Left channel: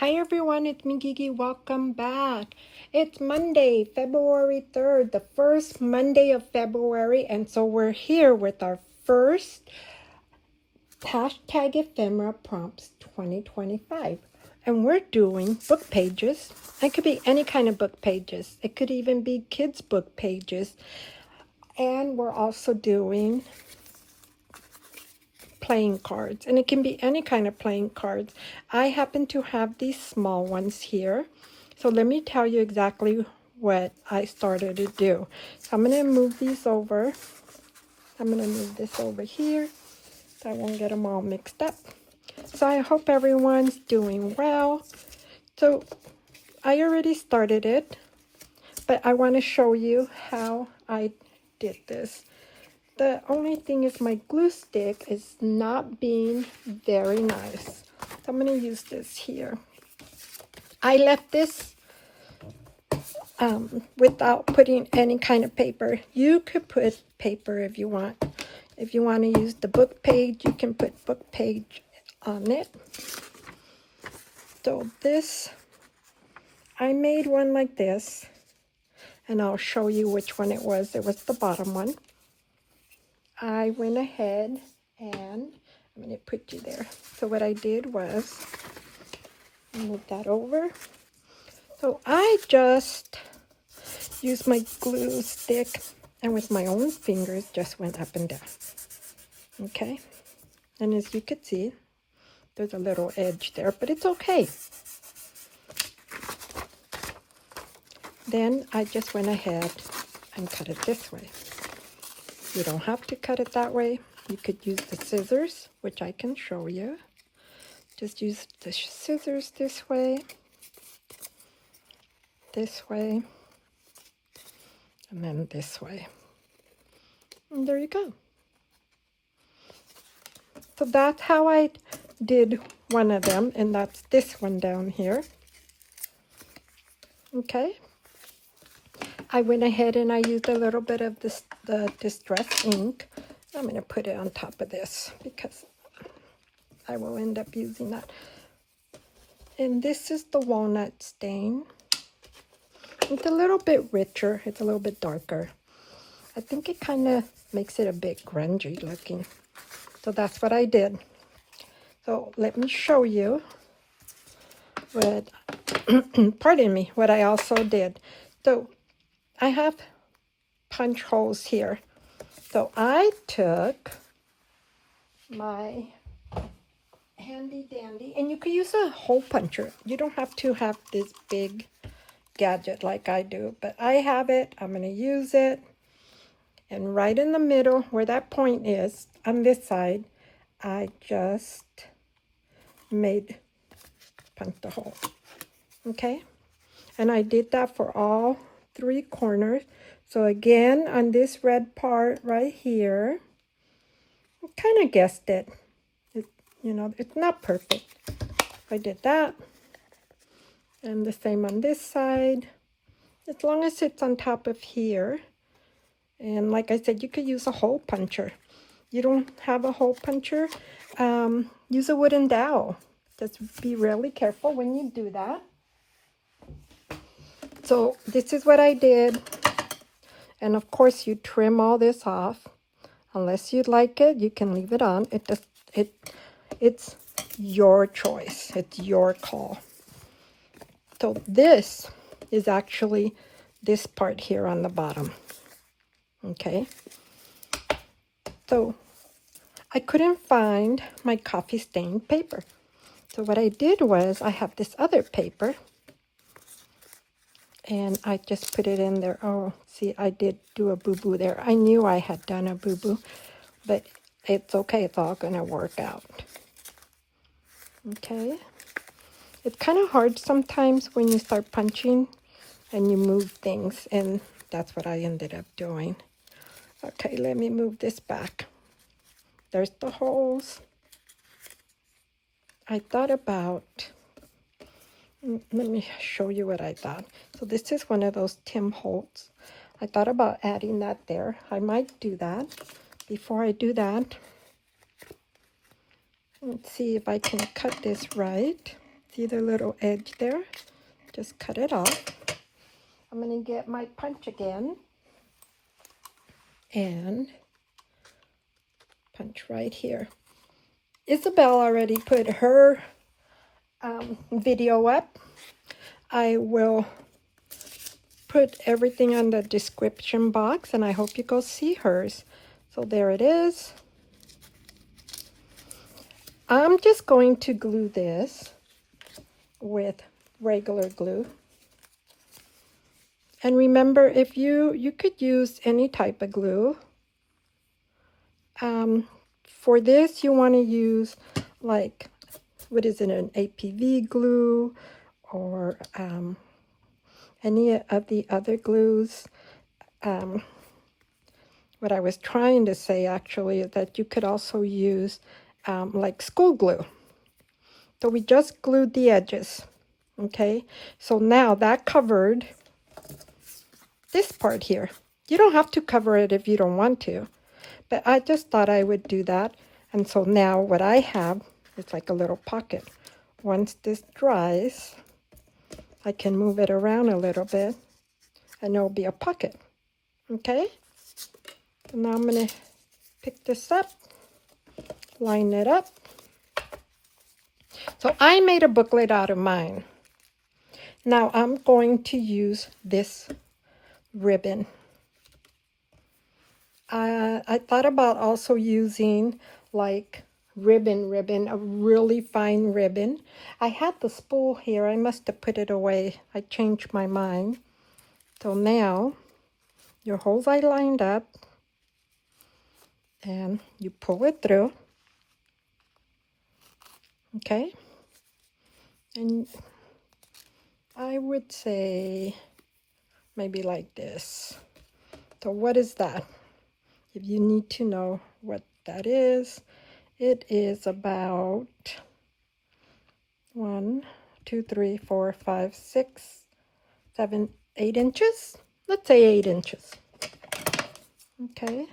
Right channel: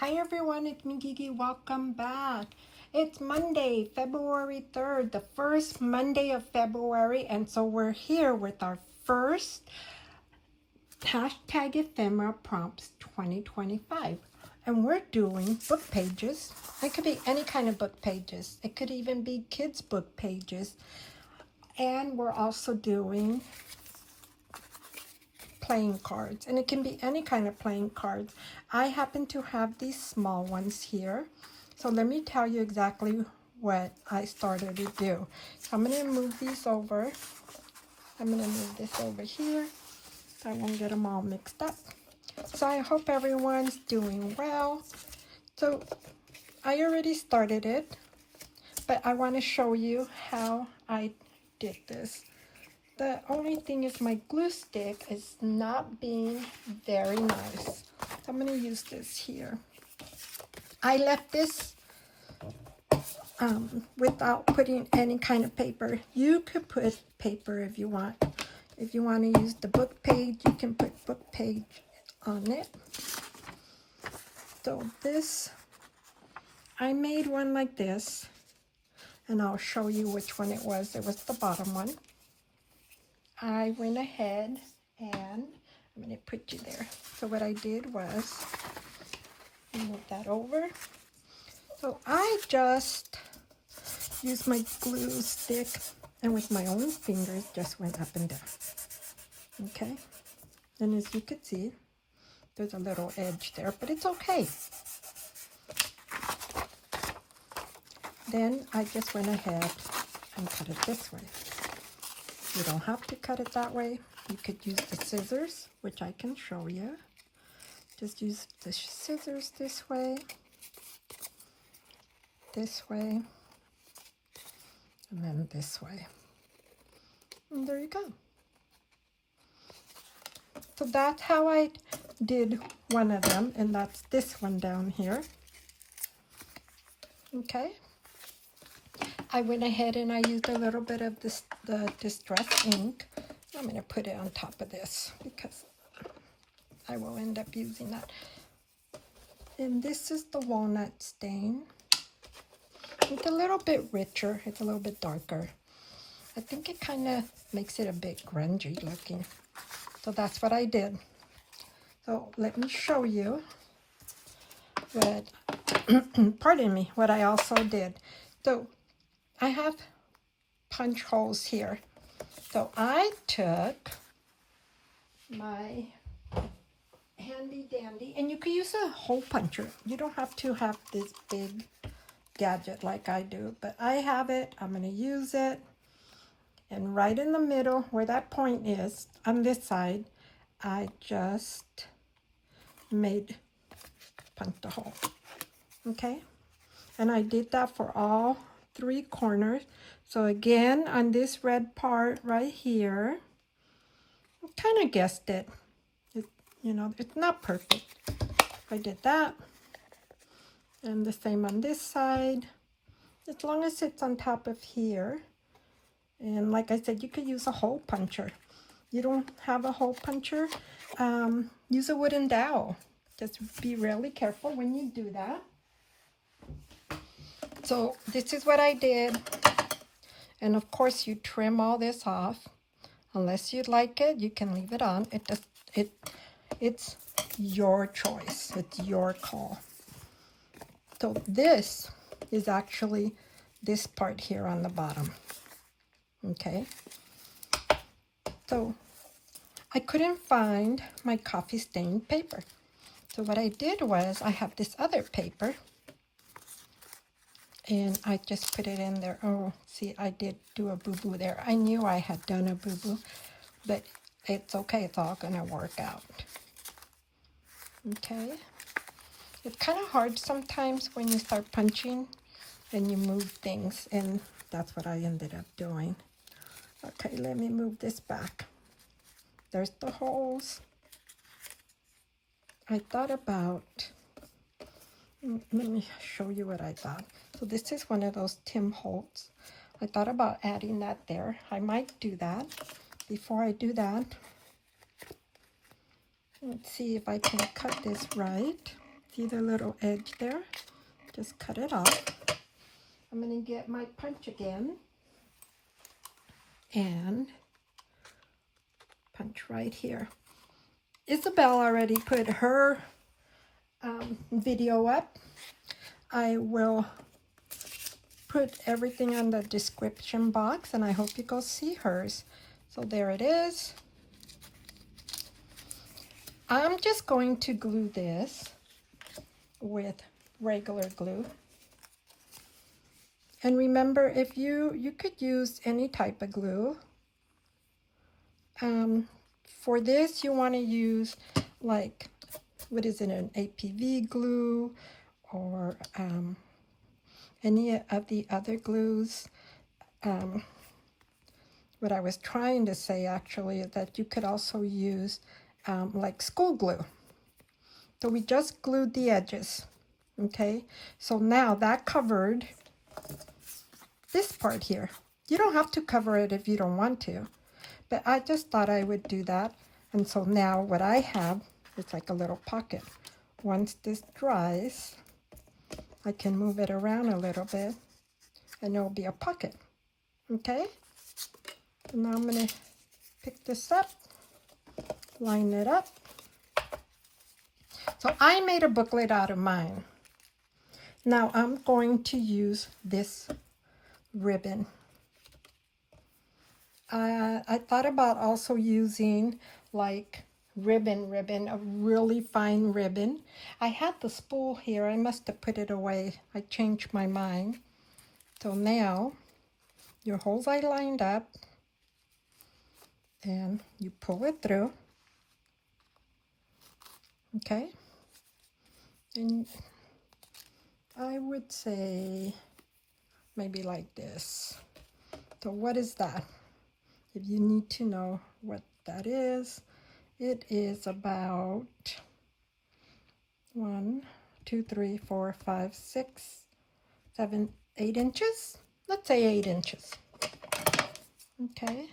Hi everyone, it's me Gigi. Welcome back. It's Monday, February 3rd, the first Monday of February, and so we're here with our first hashtag ephemera prompts 2025. And we're doing book pages. It could be any kind of book pages. It could even be kids' book pages. And we're also doing playing cards, and it can be any kind of playing cards. I happen to have these small ones here, so let me tell you exactly what I started to do. I'm going to move these over. I'm going to move this over here so I won't get them all mixed up. So I hope everyone's doing well. So I already started it, but I want to show you how I did this. The only thing is my glue stick is not being very nice. So I'm going to use this here. I left this without putting any kind of paper. You could put paper if you want. If you want to use the book page, you can put book page on it. So this, I made one like this, and I'll show you which one it was. It was the bottom one. I went ahead and I'm going to put you there. So what I did was move that over. So I just used my glue stick and with my own fingers just went up and down. Okay. And as you can see, there's a little edge there, but it's okay. Then I just went ahead and cut it this way. You don't have to cut it that way. You could use the scissors, which I can show you. Just use the scissors this way, and then this way. And there you go. So that's how I did one of them, and that's this one down here. Okay. I went ahead and I used a little bit of the distress ink. I'm going to put it on top of this because I will end up using that. And this is the walnut stain. It's a little bit richer. It's a little bit darker. I think it kind of makes it a bit grungy looking. So that's what I did. So let me show you what, pardon me, what I also did. So I have punch holes here. So I took my handy dandy, and you could use a hole puncher. You don't have to have this big gadget like I do, but I have it. I'm going to use it. And right in the middle where that point is, on this side, I just punched a hole. Okay? And I did that for all 3 corners. So again, on this red part right here, I kind of guessed it. You know, it's not perfect. I did that. And the same on this side. As long as it's on top of here. And like I said, you could use a hole puncher. You don't have a hole puncher, use a wooden dowel. Just be really careful when you do that. So this is what I did. And of course you trim all this off. Unless you'd like it, you can leave it on. It's your choice. It's your call. So this is actually this part here on the bottom. Okay. So I couldn't find my coffee stained paper. So what I did was I have this other paper. And I just put it in there. Oh, see, I did do a boo-boo there. I knew I had done a boo-boo, but it's okay. It's all going to work out. Okay. It's kind of hard sometimes when you start punching and you move things, and that's what I ended up doing. Okay, let me move this back. There's the holes. I thought about, let me show you what I thought. So this is one of those Tim Holtz. I thought about adding that there. I might do that. Before I do that, let's see if I can cut this right. See the little edge there? Just cut it off. I'm going to get my punch again and punch right here. Isabel already put her video up. I will put everything on the description box, and I hope you go see hers. So there it is. I'm just going to glue this with regular glue. And remember, if you could use any type of glue. For this, you want to use like, what is it, an APV glue or any of the other glues. What I was trying to say actually is that you could also use like school glue. So we just glued the edges, okay? So now that covered this part here. You don't have to cover it if you don't want to, but I just thought I would do that. And so now what I have is like a little pocket. Once this dries, I can move it around a little bit and there'll be a pocket, okay? And now I'm gonna pick this up, line it up. So I made a booklet out of mine. Now I'm going to use this ribbon. I thought about also using like ribbon, a really fine ribbon. I had the spool here. I must have put it away. I changed my mind. So now your holes are lined up and you pull it through. Okay? And I would say maybe like this. So what is that? If you need to know what that is, it is about 1, 2, 3, 4, 5, 6, 7, 8 inches. Let's say 8 inches. Okay.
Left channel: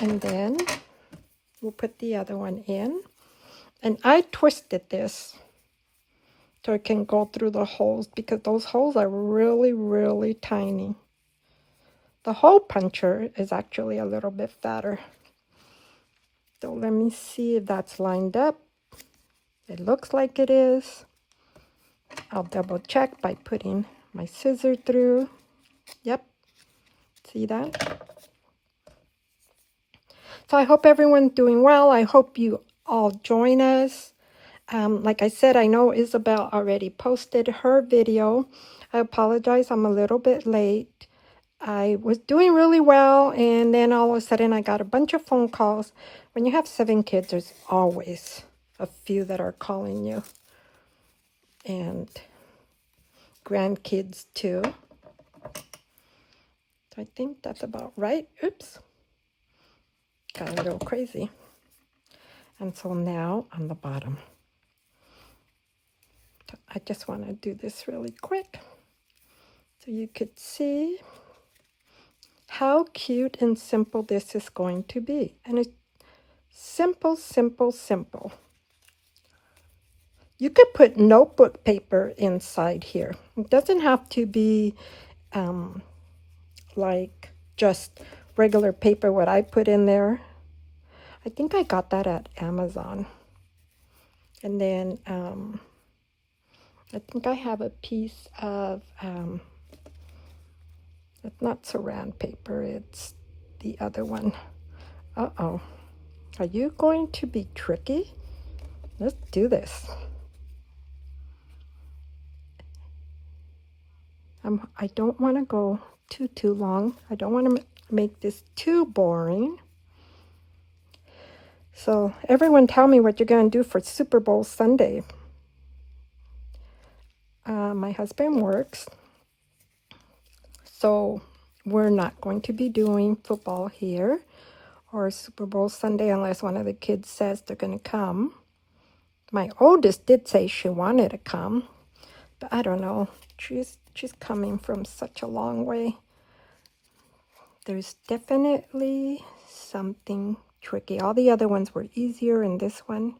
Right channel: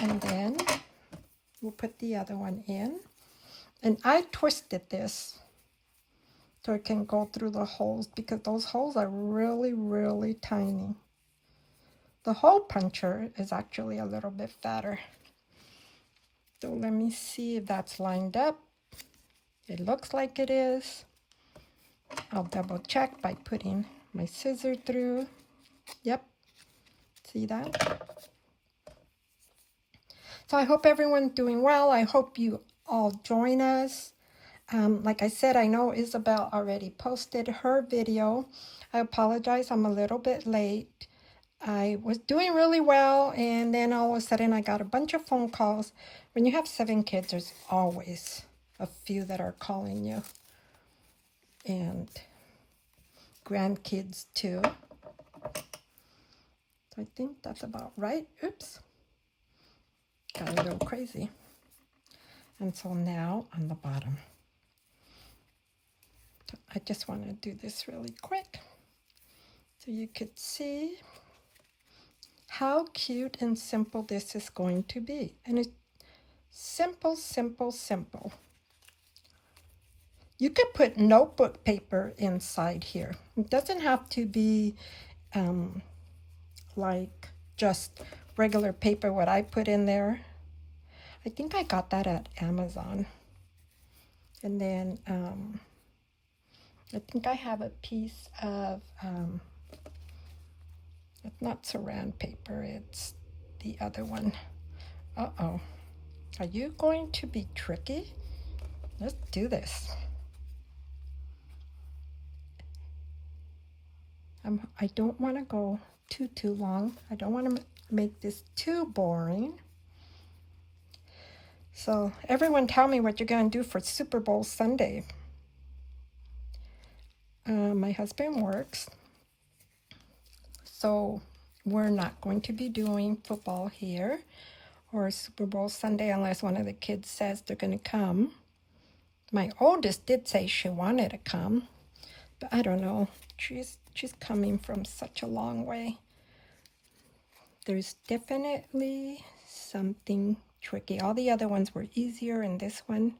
And then we'll put the other one in. And I twisted this so it can go through the holes because those holes are really, really tiny. The hole puncher is actually a little bit fatter. So let me see if that's lined up. It looks like it is. I'll double check by putting my scissor through. Yep. See that? So I hope everyone's doing well. I hope you all join us. Like I said, I know Isabel already posted her video. I apologize, I'm a little bit late. I was doing really well, and then all of a sudden I got a bunch of phone calls. When you have 7 kids, there's always a few that are calling you. And grandkids too. So I think that's about right. Oops. Got a little crazy. And so now on the bottom. I just want to do this really quick so you could see how cute and simple this is going to be. And it's simple, simple, simple. You could put notebook paper inside here. It doesn't have to be like just regular paper, what I put in there. I think I got that at Amazon. And then I think I have a piece of, it's not saran paper, it's the other one. Uh-oh. Are you going to be tricky? Let's do this. I don't want to go too long. I don't want to make this too boring. So everyone tell me what you're going to do for Super Bowl Sunday. My husband works, so we're not going to be doing football here or Super Bowl Sunday unless one of the kids says they're going to come. My oldest did say she wanted to come, but I don't know. She's coming from such a long way. There's definitely something tricky. All the other ones were easier, and this one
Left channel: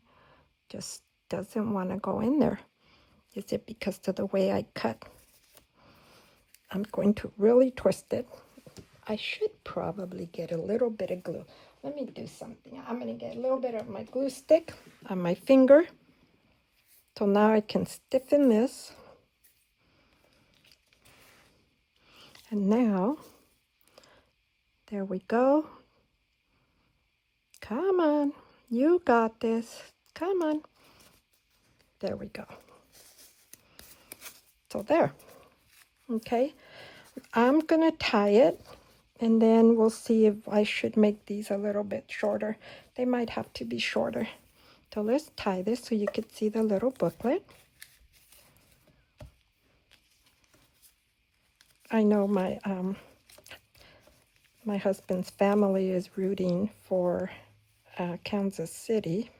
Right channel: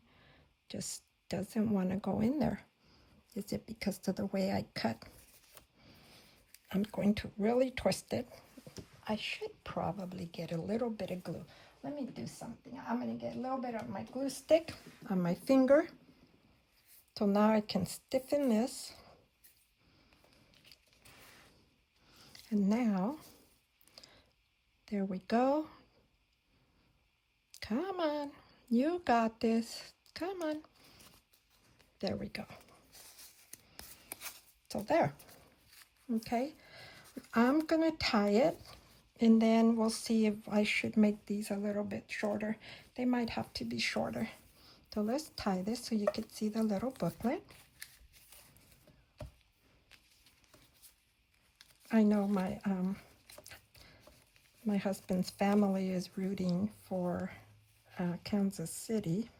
just doesn't want to go in there. Is it because of the way I cut? I'm going to really twist it. I should probably get a little bit of glue. Let me do something. I'm going to get a little bit of my glue stick on my finger. So now I can stiffen this. And now, there we go. Come on, you got this. Come on. There we go. So there. Okay. I'm going to tie it. And then we'll see if I should make these a little bit shorter. They might have to be shorter. So let's tie this so you can see the little booklet. I know my husband's family is rooting for Kansas City.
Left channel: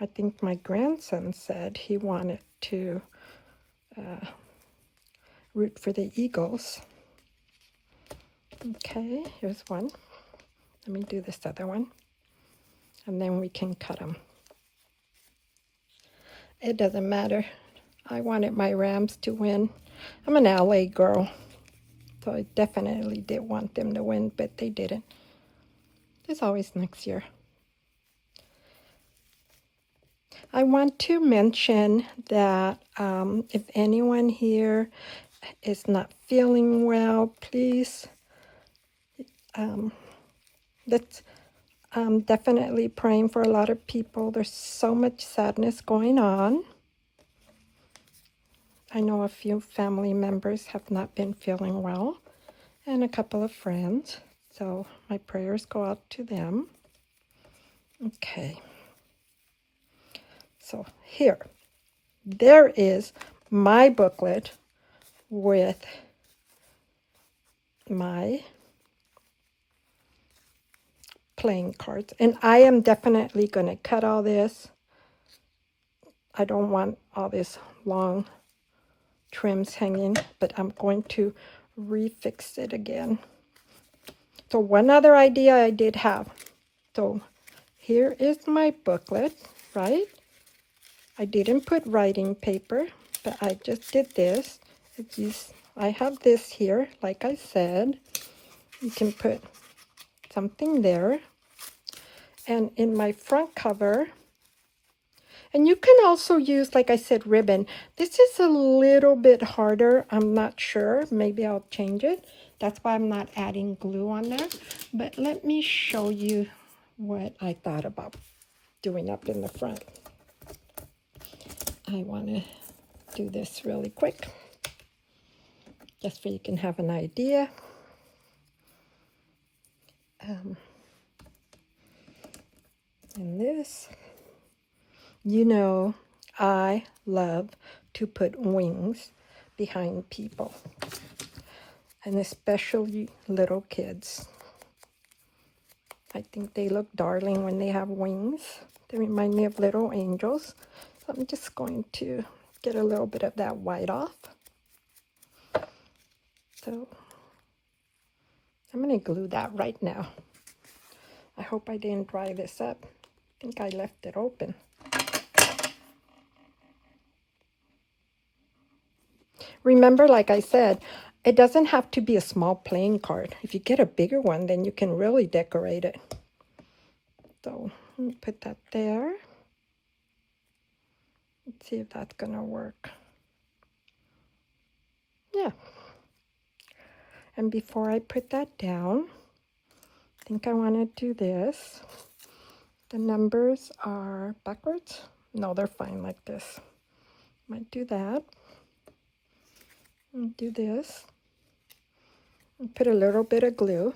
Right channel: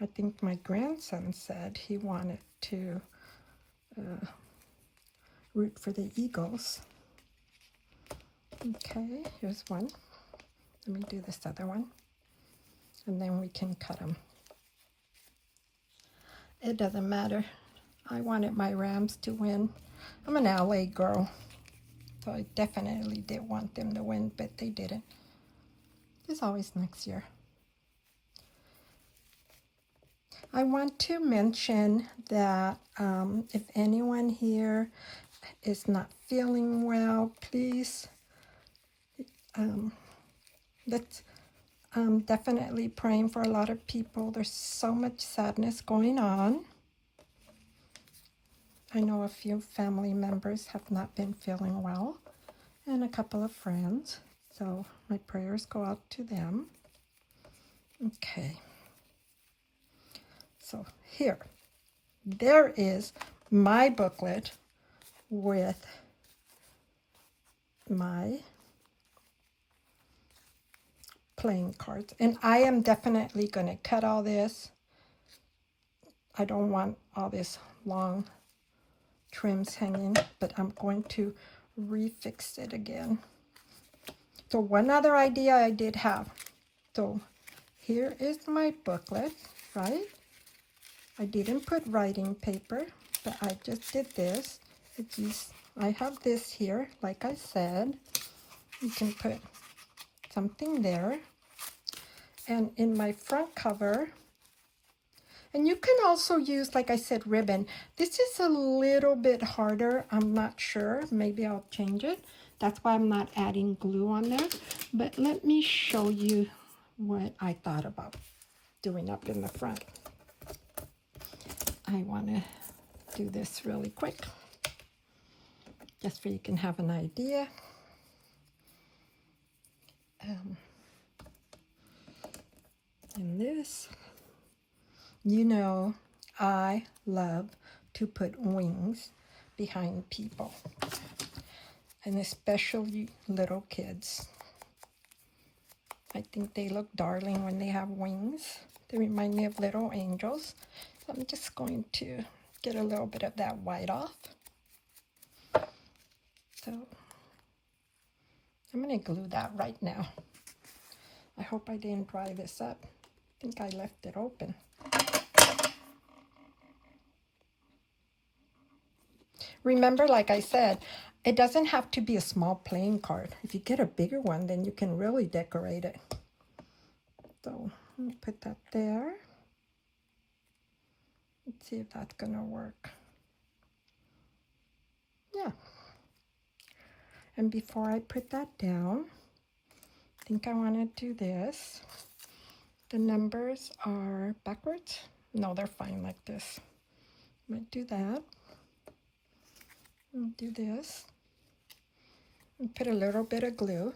I think my grandson said he wanted to root for the Eagles. Okay, here's one. Let me do this other one. And then we can cut them. It doesn't matter. I wanted my Rams to win. I'm an LA girl, so I definitely did want them to win, but they didn't. There's always next year. I want to mention that if anyone here is not feeling well, please, let's definitely praying for a lot of people. There's so much sadness going on. I know a few family members have not been feeling well, and a couple of friends. So my prayers go out to them. Okay. So here, there is my booklet with my playing cards. And I am definitely going to cut all this. I don't want all this long trims hanging, but I'm going to refix it again. So one other idea I did have. So here is my booklet, right? I didn't put writing paper, but I just did this. I have this here, like I said. You can put something there. And in my front cover, and you can also use, like I said, ribbon. This is a little bit harder. I'm not sure. Maybe I'll change it. That's why I'm not adding glue on there. But let me show you what I thought about doing up in the front. I want to do this really quick, just so you can have an idea. And this, you know, I love to put wings behind people, and especially little kids. I think they look darling when they have wings. They remind me of little angels. So I'm just going to get a little bit of that white off. So I'm going to glue that right now. I hope I didn't dry this up. I think I left it open. Remember, like I said, it doesn't have to be a small playing card. If you get a bigger one, then you can really decorate it. So let me put that there. Let's see if that's gonna work. Yeah. And before I put that down, I think I want to do this. The numbers are backwards. No, they're fine like this. Might do that. And do this. And put a little bit of glue.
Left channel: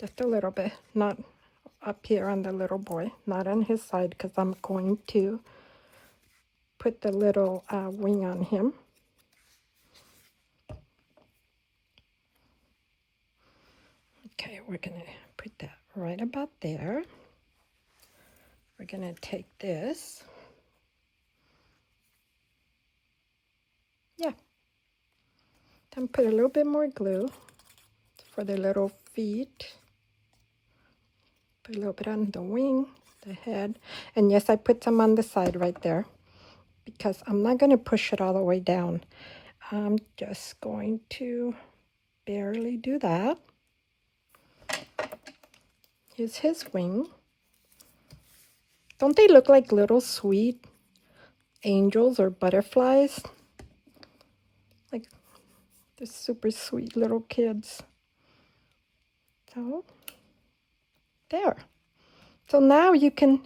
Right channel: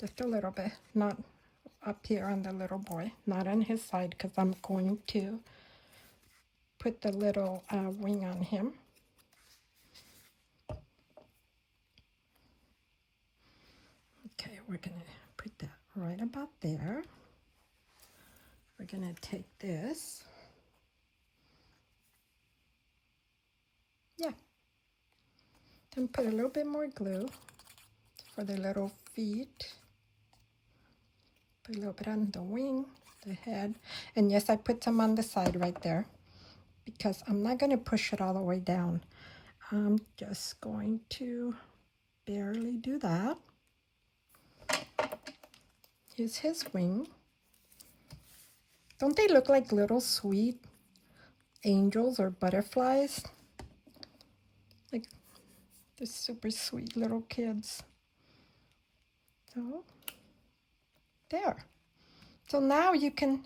Just a little bit. Not up here on the little boy. Not on his side, because I'm going to put the little wing on him. Okay, we're going to put that right about there. We're going to take this. Yeah. Then put a little bit more glue for the little feet. Put a little bit on the wing, the head. And yes, I put some on the side right there because I'm not going to push it all the way down. I'm just going to barely do that. Here's his wing. Don't they look like little sweet angels or butterflies? Like they're super sweet little kids. So there. So now you can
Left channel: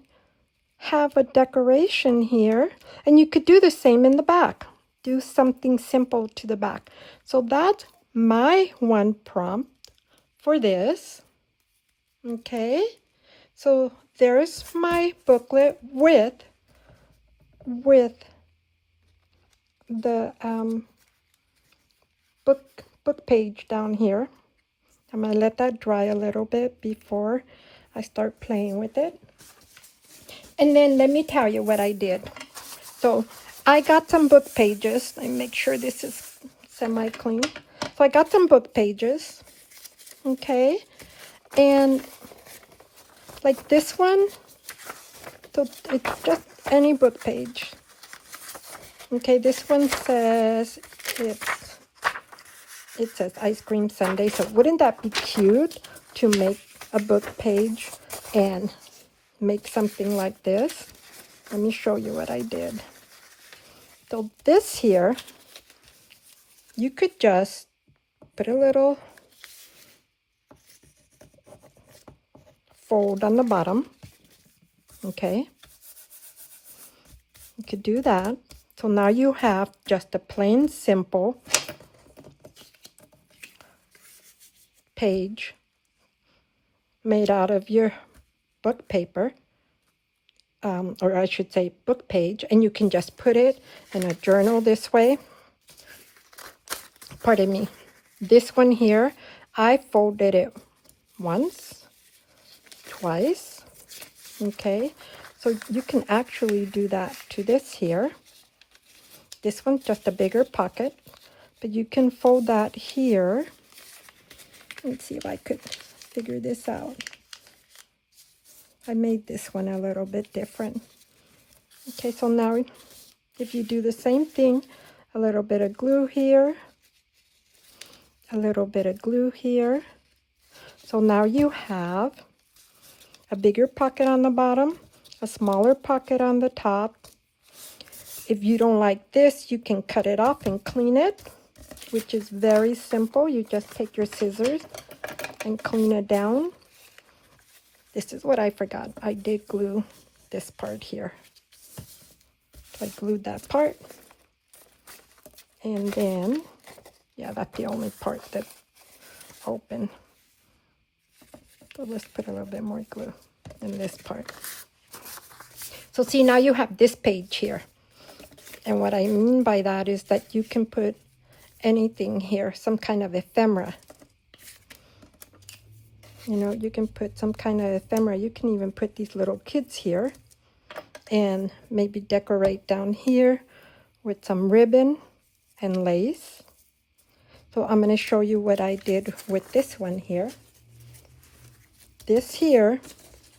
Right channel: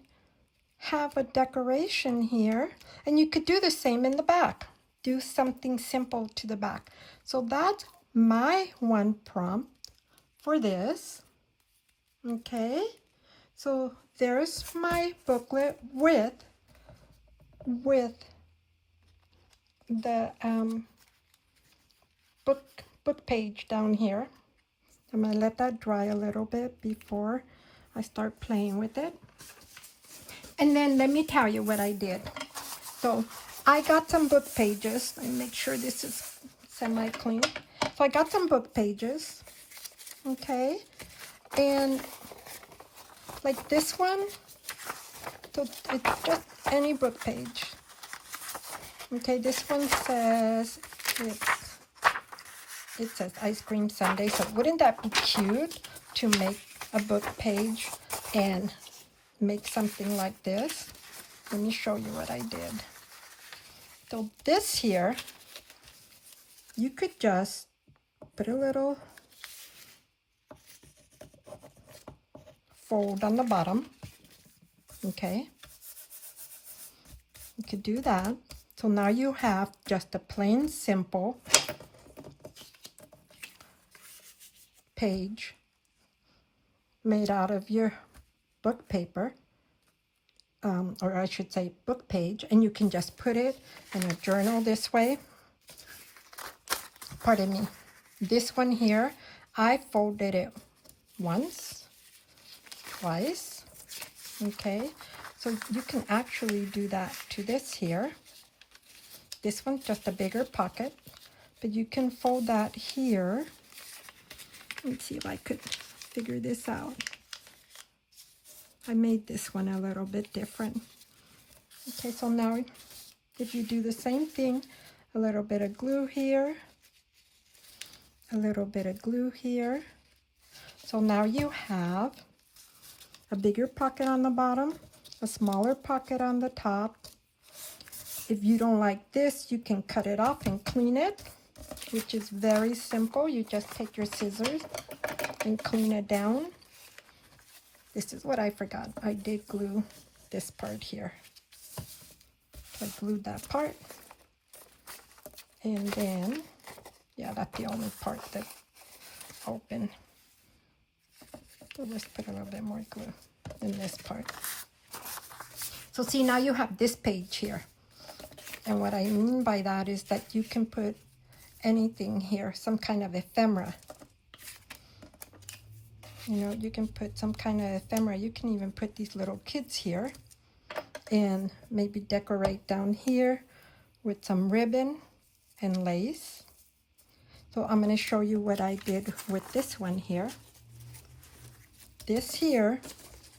have a decoration here, and you could do the same in the back. Do something simple to the back. So that's my one prompt for this. Okay, so there's my booklet with the book page down here. I'm going to let that dry a little bit before I start playing with it. And then let me tell you what I did. So I got some book pages. Let me make sure this is semi-clean. So I got some book pages. Okay. And like this one. So it's just any book page. Okay, this one says it says ice cream sundae. So wouldn't that be cute to make a book page and make something like this? Let me show you what I did. So this here, you could just put a little fold on the bottom. Okay. You could do that. So now you have just a plain, simple page made out of your book paper, or I should say book page, and you can just put it in a journal this way. Pardon me. This one here, I folded it once, twice. Okay, so you can actually do that to this here. This one's just a bigger pocket, but you can fold that here. Let's see if I could figure this out. I made this one a little bit different. Okay, so now if you do the same thing, a little bit of glue here, a little bit of glue here. So now you have a bigger pocket on the bottom, a smaller pocket on the top. If you don't like this, you can cut it off and clean it, which is very simple. You just take your scissors and clean it down. This is what I forgot. I did glue this part here. I glued that part. And then, yeah, that's the only part that's open. So let's put a little bit more glue in this part. So see, now you have this page here. And what I mean by that is that you can put anything here, some kind of ephemera. You know, you can put some kind of ephemera. You can even put these little kids here and maybe decorate down here with some ribbon and lace. So I'm going to show you what I did with this one here. This here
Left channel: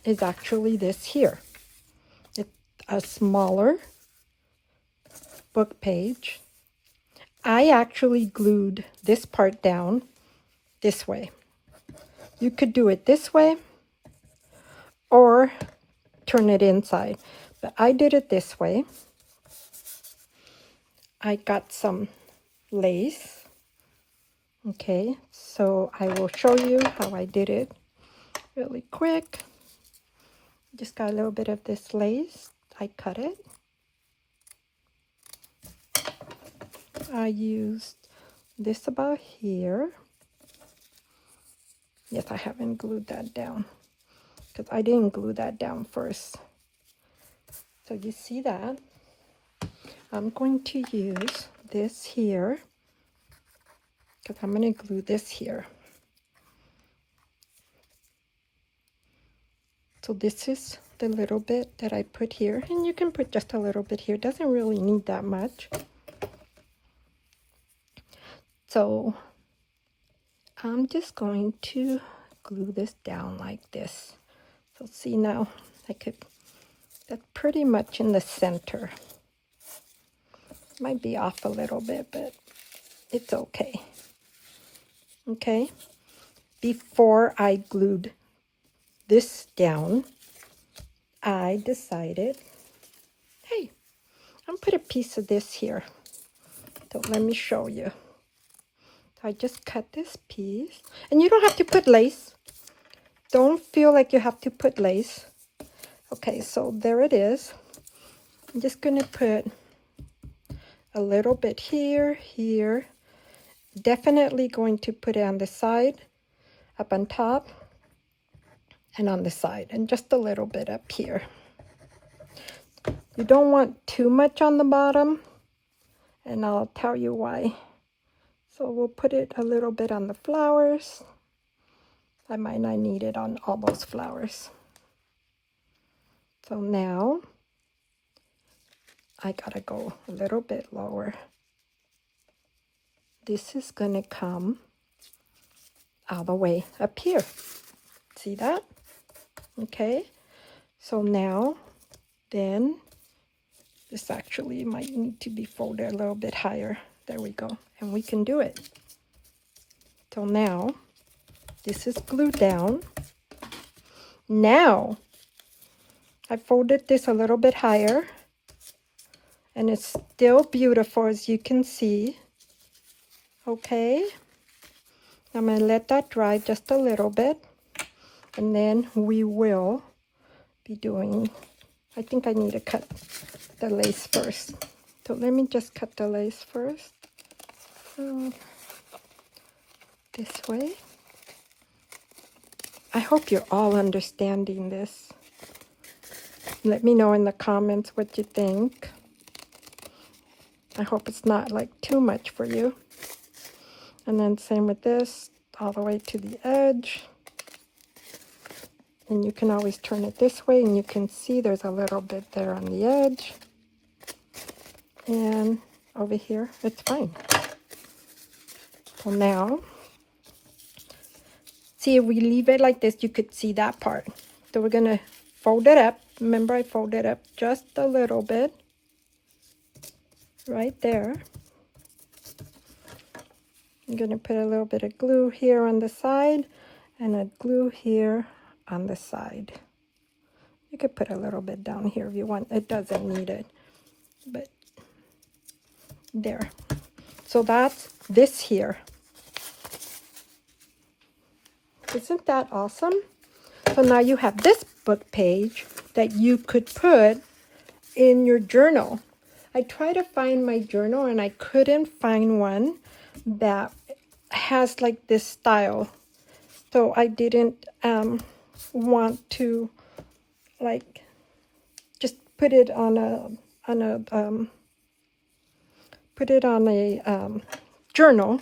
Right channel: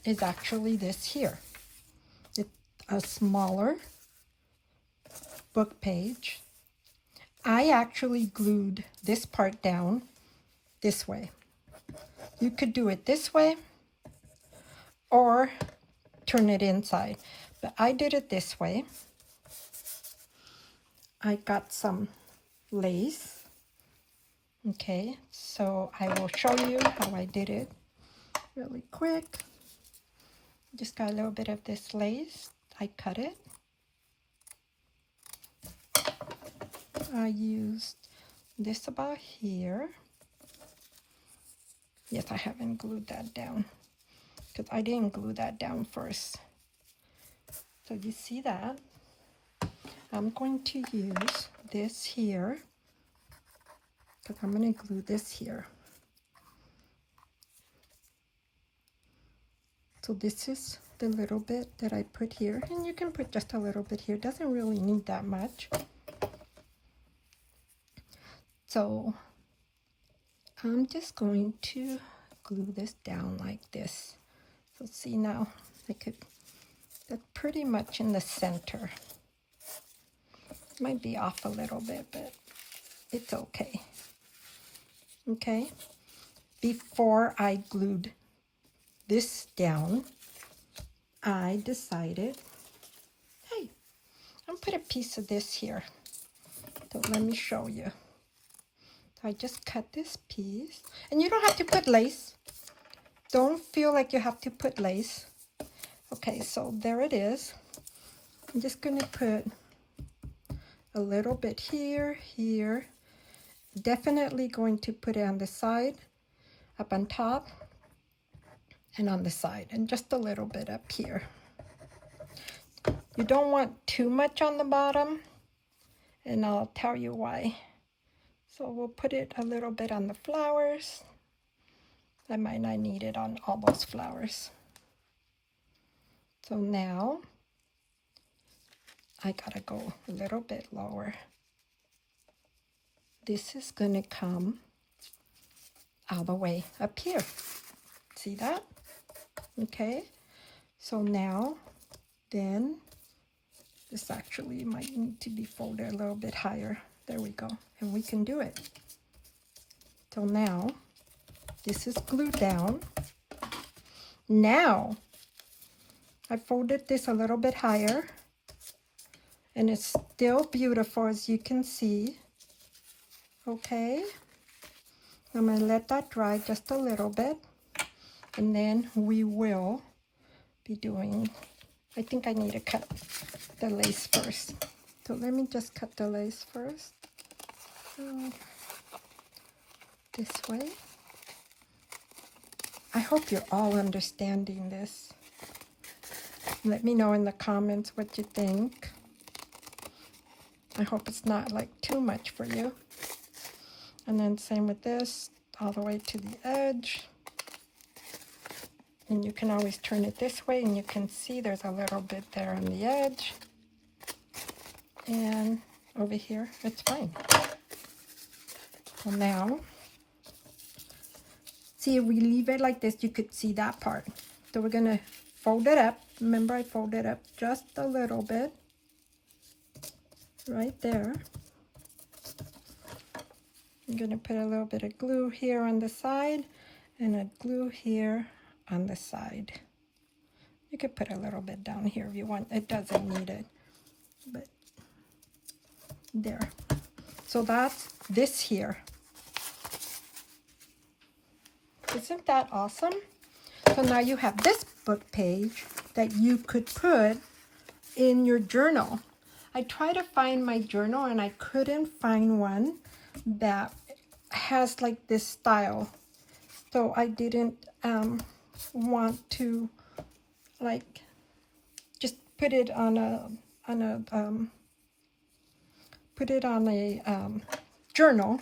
is actually this here. It's a smaller book page. I actually glued this part down this way. You could do it this way or turn it inside, but I did it this way. I got some lace. Okay, so I will show you how I did it really quick. Just got a little bit of this lace. I cut it. I used this about here. Yes, I haven't glued that down because I didn't glue that down first. So you see that? I'm going to use this here because I'm going to glue this here. So this is the little bit that I put here, and you can put just a little bit here. Doesn't really need that much. So I'm just going to glue this down like this. So see now, that's pretty much in the center. Might be off a little bit, but it's okay. Okay, before I glued this down, I decided, hey, I'm gonna put a piece of this here. So let me show you. I just cut this piece, and you don't have to put lace. Don't feel like you have to put lace. Okay, so there it is. I'm just gonna put a little bit here, here. Definitely going to put it on the side, up on top, and on the side, and just a little bit up here. You don't want too much on the bottom, and I'll tell you why. So we'll put it a little bit on the flowers. I might not need it on all those flowers. So now I gotta go a little bit lower. This is gonna come all the way up here. See that? Okay, so now then this actually might need to be folded a little bit higher. There we go, and we can do it. So now this is glued down. Now I folded this a little bit higher, and it's still beautiful, as you can see. Okay, I'm going to let that dry just a little bit, and then we will be doing, I think I need to cut the lace first. So let me just cut the lace first. This way. I hope you're all understanding this. Let me know in the comments what you think. I hope it's not like too much for you. And then same with this, all the way to the edge. And you can always turn it this way, and you can see there's a little bit there on the edge. And over here, it's fine. So now, see, if we leave it like this, you could see that part. So we're gonna fold it up. Remember, I folded up just a little bit. Right there. I'm going to put a little bit of glue here on the side and a glue here on the side. You could put a little bit down here if you want. It doesn't need it, but there. So that's this here. Isn't that awesome? So now you have this book page that you could put in your journal. I tried to find my journal and I couldn't find one that has like this style. So I didn't want to like just put it on a journal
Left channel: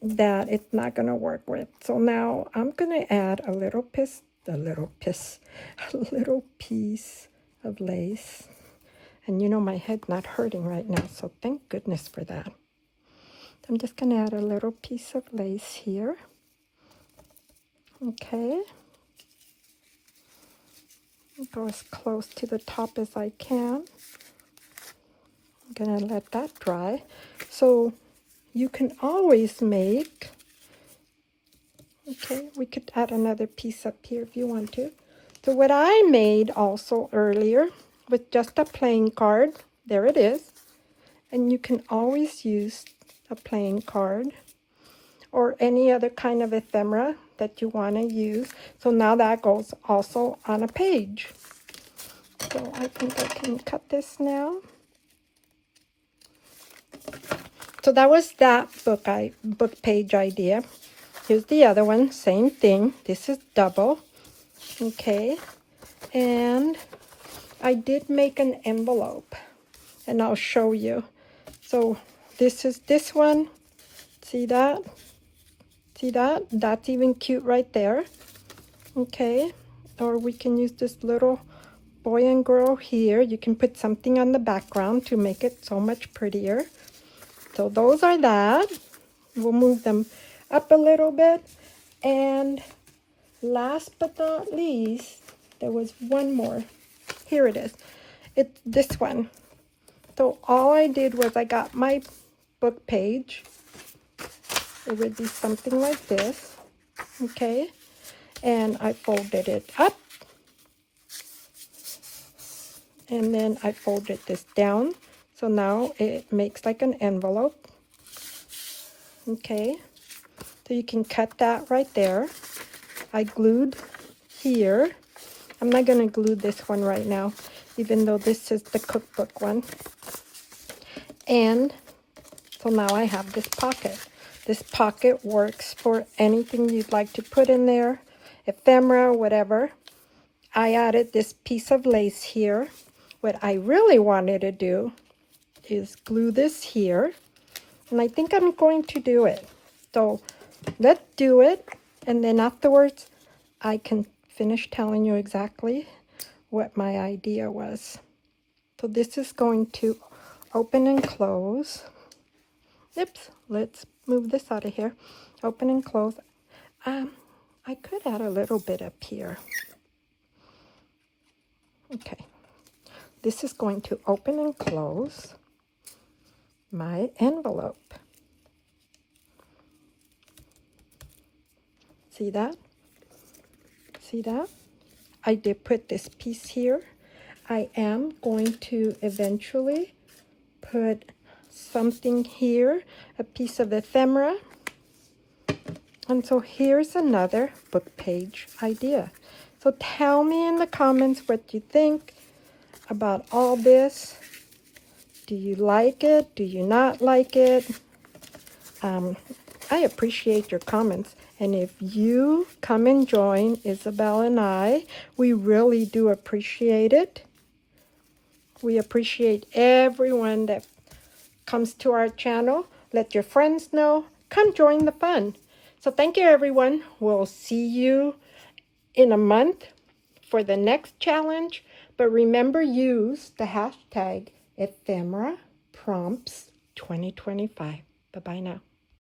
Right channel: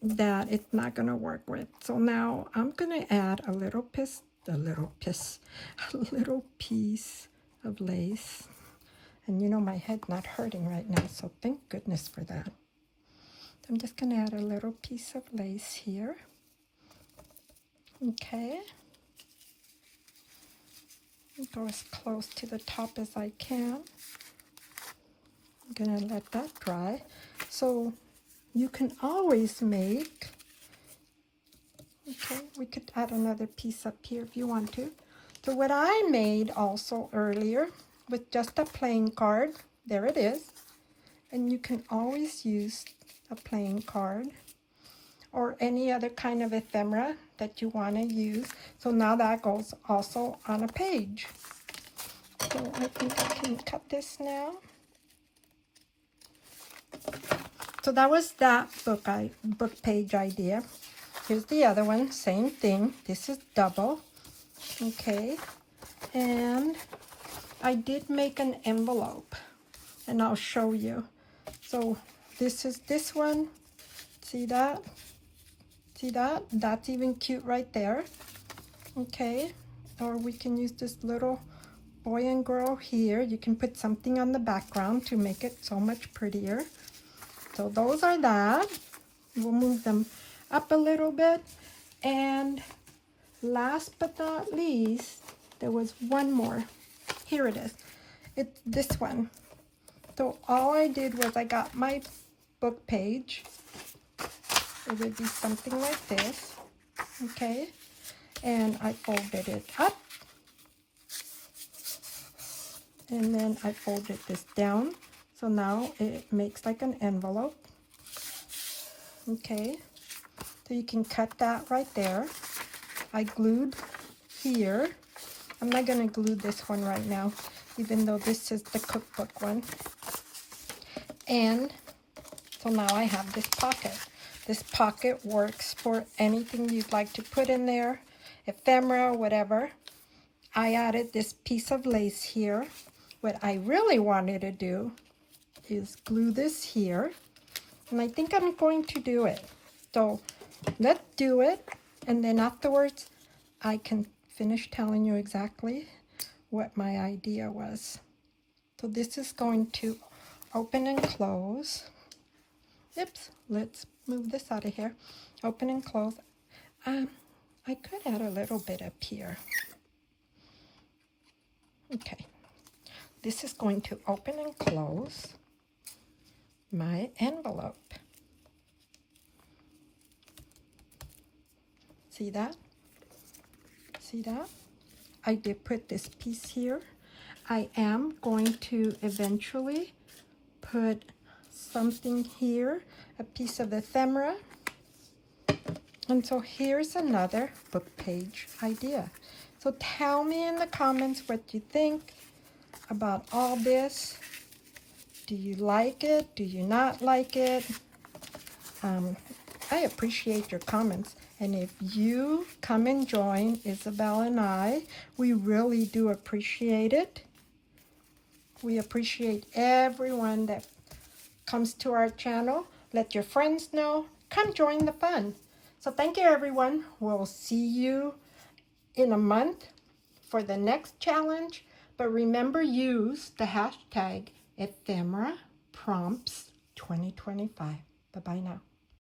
that it's not gonna work with. So now I'm gonna add a little piece of lace. And you know my head's not hurting right now, so thank goodness for that. I'm just going to add a little piece of lace here. Okay. Go as close to the top as I can. I'm going to let that dry. So you can always make, okay, we could add another piece up here if you want to. So what I made also earlier with just a playing card, there it is. And you can always use a playing card or any other kind of ephemera that you want to use. So now that goes also on a page. So I think I can cut this now. So that was that book page idea. Here's the other one, same thing. This is double. Okay, and I did make an envelope, and I'll show you. So this is this one. See that? See that? That's even cute right there. Okay, or we can use this little boy and girl here. You can put something on the background to make it so much prettier. So those are that. We'll move them up a little bit. And last but not least, There was one more. Here it is. It's this one. So all I did was I got my book page. It would be something like this, okay? And I folded it up. And then I folded this down. So now it makes like an envelope. Okay, so you can cut that right there. I glued here. I'm not going to glue this one right now, even though this is the cookbook one. And so now I have this pocket. This pocket works for anything you'd like to put in there, ephemera, whatever. I added this piece of lace here. What I really wanted to do is glue this here. And I think I'm going to do it. So let's do it. And then afterwards, I can finish telling you exactly what my idea was. So this is going to open and close. Oops, let's move this out of here. Open and close. I could add a little bit up here. Okay. This is going to open and close my envelope. See that? See that? I did put this piece here. I am going to eventually put something here, a piece of ephemera. And so here's another book page idea. So tell me in the comments what you think about all this. Do you like it? Do you not like it? I appreciate your comments. And if you come and join Isabel and I, we really do appreciate it. We appreciate everyone that comes to our channel. Let your friends know. Come join the fun. So thank you, everyone. We'll see you in a month for the next challenge. But remember, use the hashtag ephemera prompts 2025. Bye-bye now.